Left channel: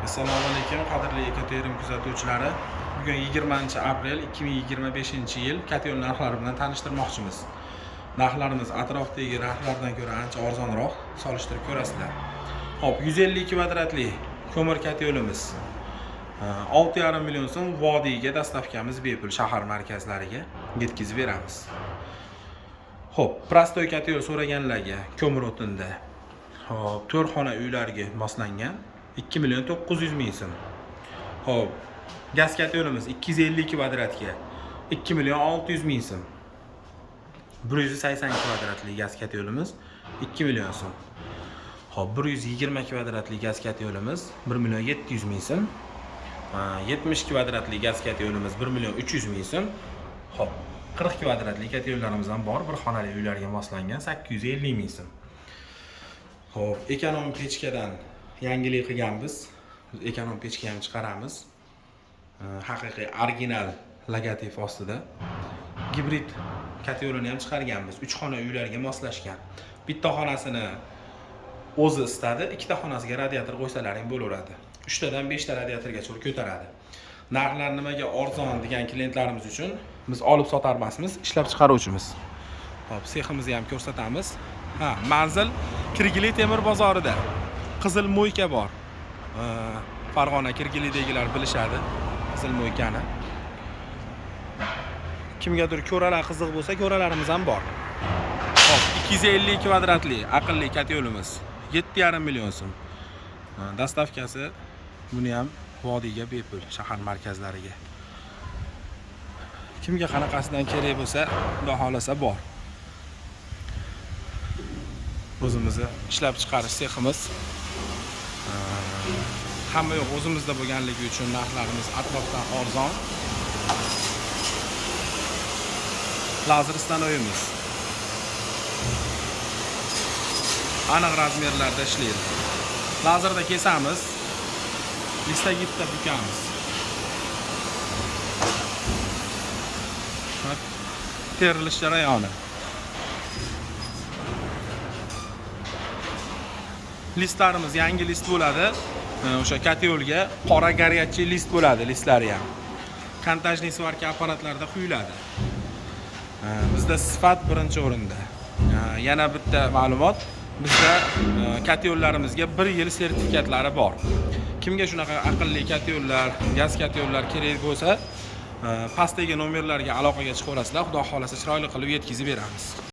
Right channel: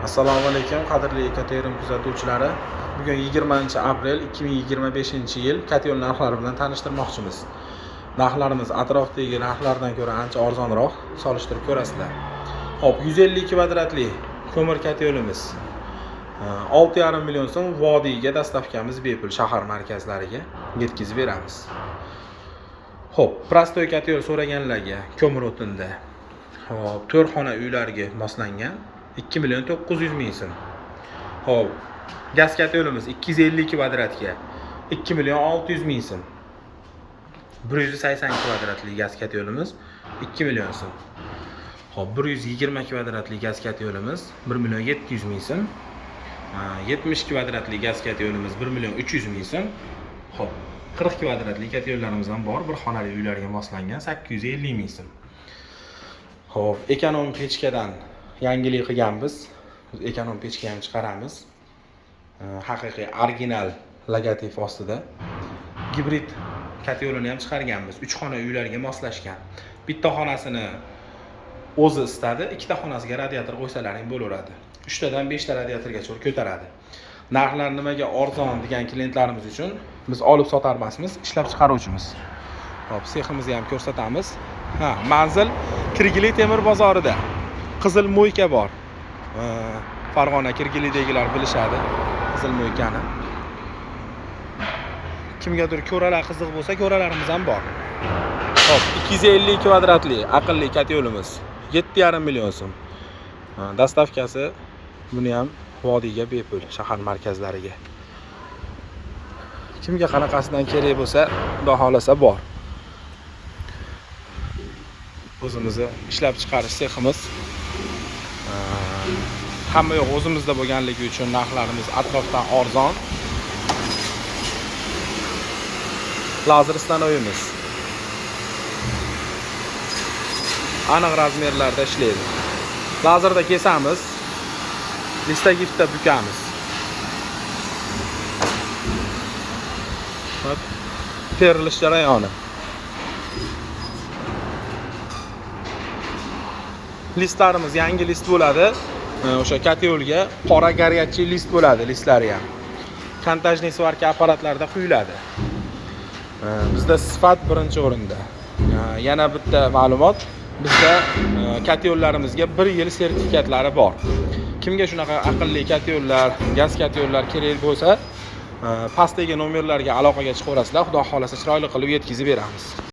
Assalomu alaykum qadrli Katerim kuzatuvchilari. Bugun 20-aprel 2025-yil Kateol narxlari bilan tanishtirmoqchimiz. Narxlarimiz atrofdagi narxlardan ko'ra ancha arzonroq, solishtirib ko'rasizlar. Hop, 150 kvadratli ko'mir kateolimiz 6,5 million so'm vodiyga dastavkamiz bepul shahar markazlariga yetkazib beramiz. Hop, prostoy kateol so'raganlarga ko'mir o'tinda hop 4 xona uylarga moslangan 2 million 900 ming so'm. Hop, gaz kateolimiz 250 kvadratga 2 million 600 ming so'm. 180 kvadratli gaz kateolimiz 2 million so'm. Hop, 120 kvadratli gaz kateolimiz 1 million 700 ming so'm. 70 kvadratli gaz kateolimiz 1 million 300 ming so'm. Hop, 40 kvadratli kateollarimiz ham bor, bir xonali uylarga moslangan 850 ming so'm. Hop, ekonom pechkadan yangilik qilganmiz. Biz ekonom pechka ham chiqaramiz. Haqiqiy original logotip ostida. Gibrid kateolini ham chiqarganmiz. 3 xona uylarga moslashgan. Bitta xonasini o'zi istadi, ikkita xonasiga radiator qo'ysalaring bo'laveradi. 3 tadan 5 ta radiatorgacha ko'taradi. Narxlar nimaga arzon degan klientlarimiz uchun biz olib sotarmasmiz, ishlab chiqaruvchimiz. Hop, seximizni ham ko'rsatamiz. Manzil Kirgili temir bozorida. Qizil mo'yka bor. Farg'ona Kirgilidagilar bilishadi qizil mo'ykani. Kimgadir ko'ralar qiziq bo'lsa, ko'ralarimiz ham bor. Hop, 250 kvadratli aqlli kateolimiz 7,5 million so'm. Dastavkasi buni ham vodiyga bepul shahar markazlariga. Kimga qanaqasidan kerak bo'lsa, xudo xolasa bor. O'zimizni ishlab chiqarish seximiz. Hamma yo'q o'zimizda bo'lganligi uchun narxlarimiz atrofdan arzon. Lazer stanoyimiz aniq razmerlarda ishlaydi. Lazerda kesamiz, listagifda bukamiz. Terilish jarayoni. Listlarimiz yangi list bo'ladi. O'sha kateolga qora горячий list bo'ladi, listlari ham. Kontajniy svarka apparatlarida quyiladi. Bizda sifat birinchi o'rinda. Yana bitta ma'lumot, bizda kateollarimizga 1 yil sertifikatlari bor. Kimga shunaqa aqlli kateollar, gaz kateollar kerak bo'lsa, pastdagi nomerlarga aloqaga chiqaverasizlar. Xudo xolasa chiroyli qilib yetkazib beramiz.